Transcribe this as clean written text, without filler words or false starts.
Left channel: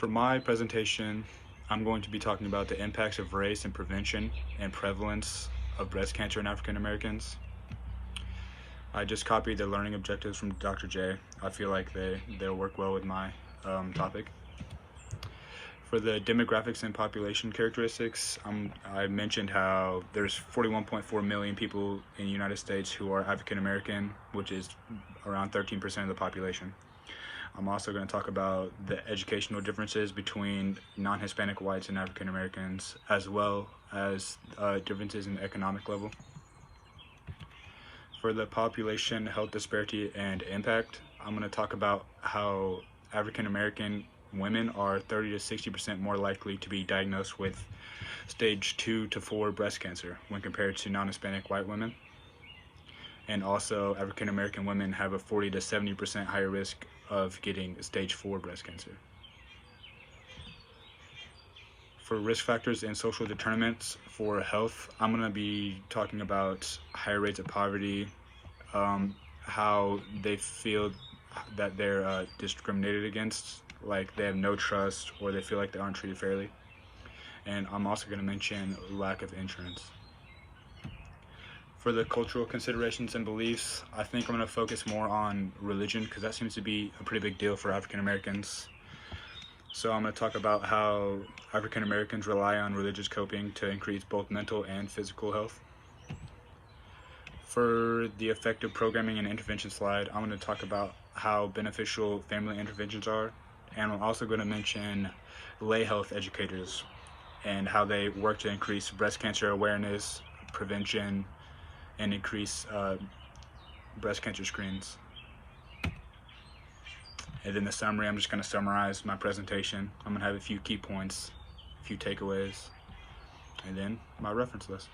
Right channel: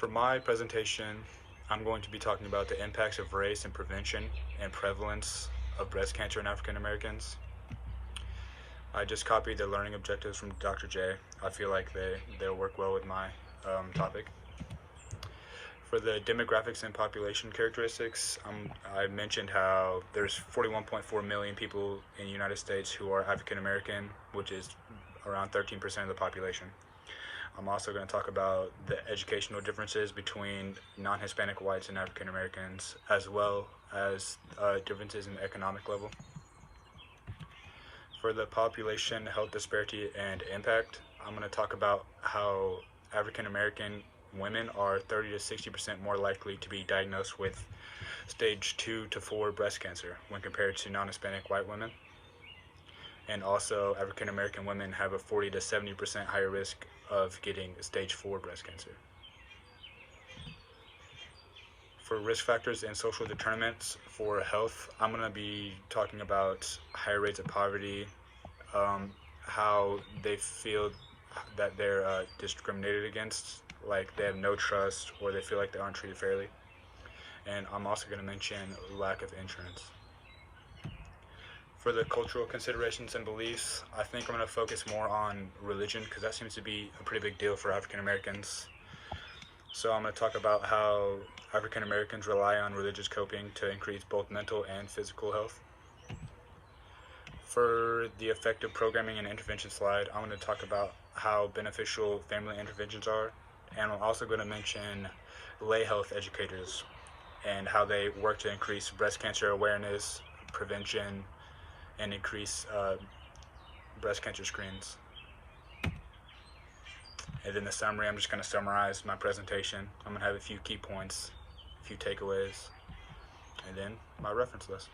For my presentation, I'm going to be talking about the impacts of race and prevention and prevalence of breast cancer in African Americans. I just copied the learning objectives from Dr. J. I feel like they'll work well with my topic. For the demographics and population characteristics, I mentioned how there's 41.4 million people in the United States who are African American, which is around 13% of the population. I'm also going to talk about the educational differences between non-Hispanic whites and African Americans, as well as differences in the economic level. For the population health disparity and impact, I'm going to talk about how African American women are 30 to 60% more likely to be diagnosed with stage 2 to 4 breast cancer when compared to non-Hispanic white women. And also, African American women have a 40 to 70% higher risk of getting stage 4 breast cancer. For risk factors and social determinants for health, I'm going to be talking about higher rates of poverty, how they feel that they're discriminated against, like they have no trust or they feel like they aren't treated fairly. And I'm also going to mention lack of insurance. For the cultural considerations and beliefs, I think I'm going to focus more on religion because that seems to be a pretty big deal for African Americans. So I'm going to talk about how African Americans rely on religious coping to increase both mental and physical health. For the effective programming and intervention slide, I'm going to talk about how beneficial family interventions are, and I'm also going to mention lay health educators and how they work to increase breast cancer awareness, prevention, and increase breast cancer screens. And then the summary, I'm just going to summarize my presentation. I'm going to have a few key points, a few takeaways, and then my reference list.